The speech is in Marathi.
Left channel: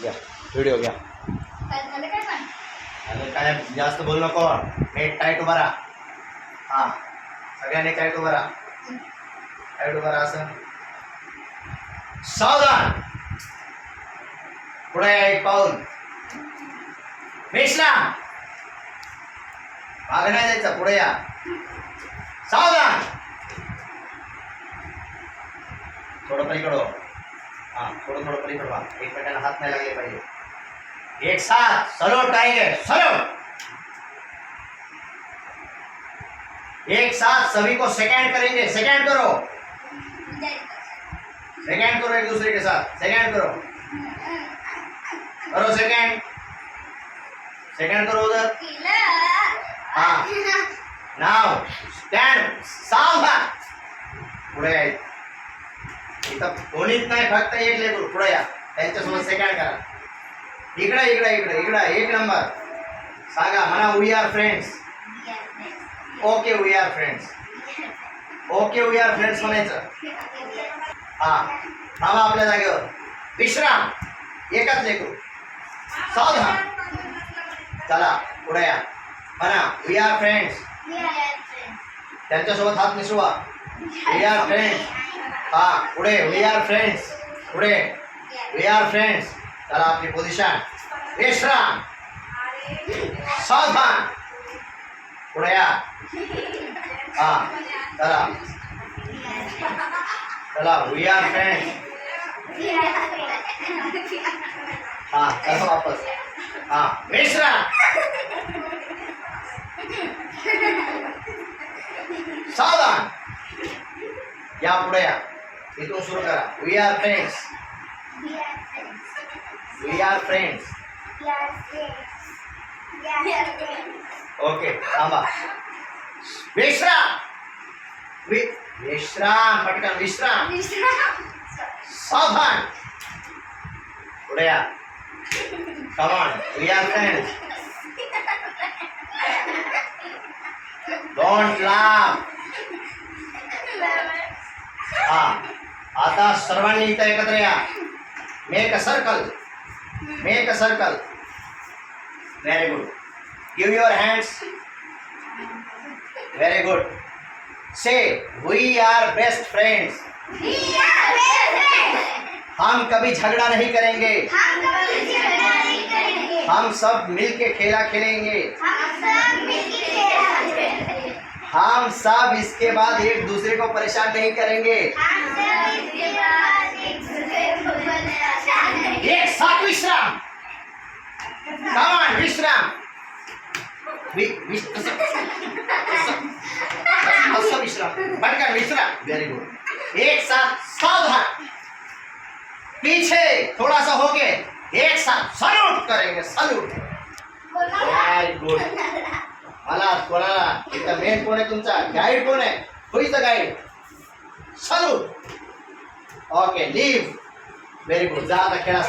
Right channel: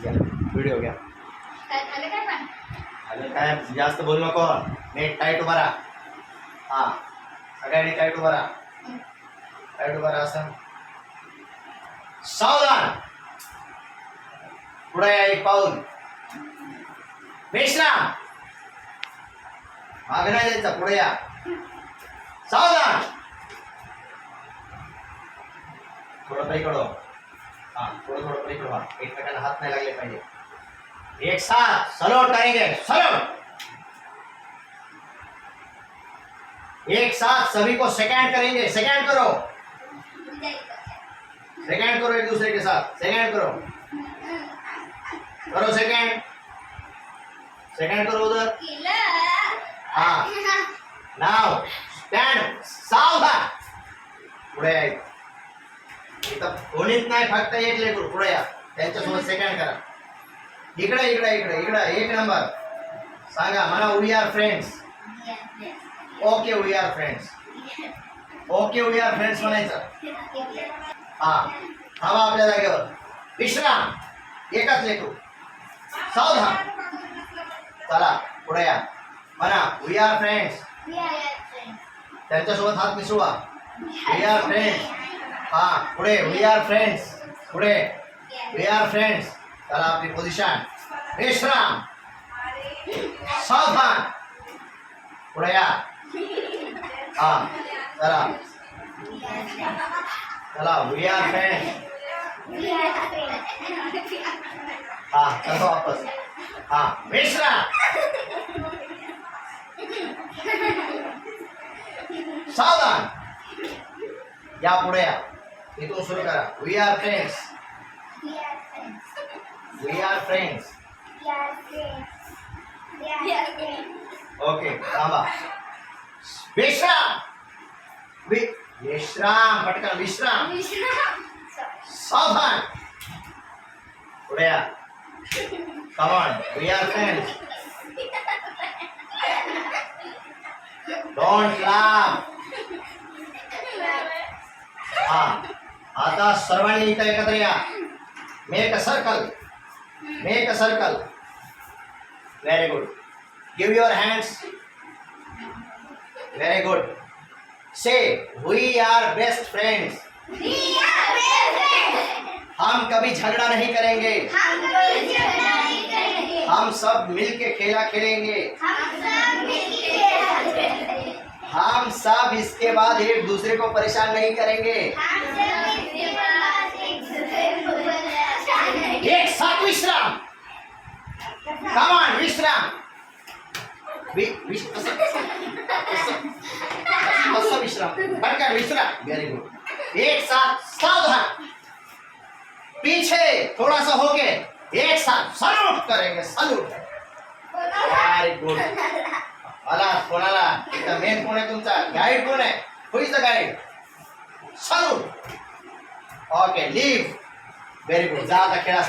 घ्या व्हिडिओ घ्या. काय जास्त बोलू नको. नेट टाईट उभा राहा. हा सगळ्यांनी टाईट उभा राहा. टाईट उभा राहा. असं सावधान. पुढे या एक पाऊल. विश्राम. मागे नाही जायचा. पुढे या. सावधान. थोडं पलीकडे हो. हाँ थोड़ा पलीकडे व्हा. एकमेकांना हात नाही लागले पाहिजे. एक साथ सलोट आएंगे. सलोट. एक साथ सभी को सेकंड करेंगे. सेकंड करो. सेकंड करो एक दूसरे के साथ. सेकंड करो. करो सेकंड. सेकंड करो उधर. हाँ नाव स्टँड. सावधान. पुढे या. इथं कोणीच नाही फक्त एक लेकरू. पुढे या. त्यांच्यासोबत सेकंड करा. इकडे इकडे इकडे इकडे. एक नंबर सांगा. म्हणा we are friends. Okay we are friends. Okay we are friends म्हणायचं. हा थांबा आपल्या जागेवर. विश्राम. एकच लेकरू. सावधान. चला पुढे या. म्हणा वी आर फ्रेंड्स. त्यांच्यासोबत हात मिसळवा. We are friends. हा पुढे वी आर फ्रेंड्स. पुढे वी आर फ्रेंड्स. चला आपली पोझिशन. विश्राम. सावधान. पुढे या. हा चला चला वी आर फ्रेंड्स. हा चला वापस. हा विश्राम. सावधान. या पुढे या. इथून सुरू करा. We are friends. We are friends. Okay थांबा. विश्राम. विश्राम. पटकन विश्राम. सावधान. पुढे या. Come on. We are friends. Don't laugh. हा आता सर्वांनी इथं एकत्र या. Make a circle. Make a circle. Very good. Give your hands. Very good. Say we are best friends. हम कभी झगड़ा नहीं करेंगे. हम सब मिलके खेला खेलेंगे. हम सब इसके बाद एक दूसरे को परेशान नहीं करेंगे. एक साथ विश्राम. कम ऑन विश्राम. विश्राम. पटकन विश्राम. Very good. एक साथ सावधान. पीछे थोड़ा सा होके एक साथ सल्यूट करेंगे. सल्यूट. Very good. मला कोणाला इथं मेन कोण आहे तुमचा? गाईड कोण आहे? Who is the guide? Salute. Okay leave. Very good. जा आता खेळा.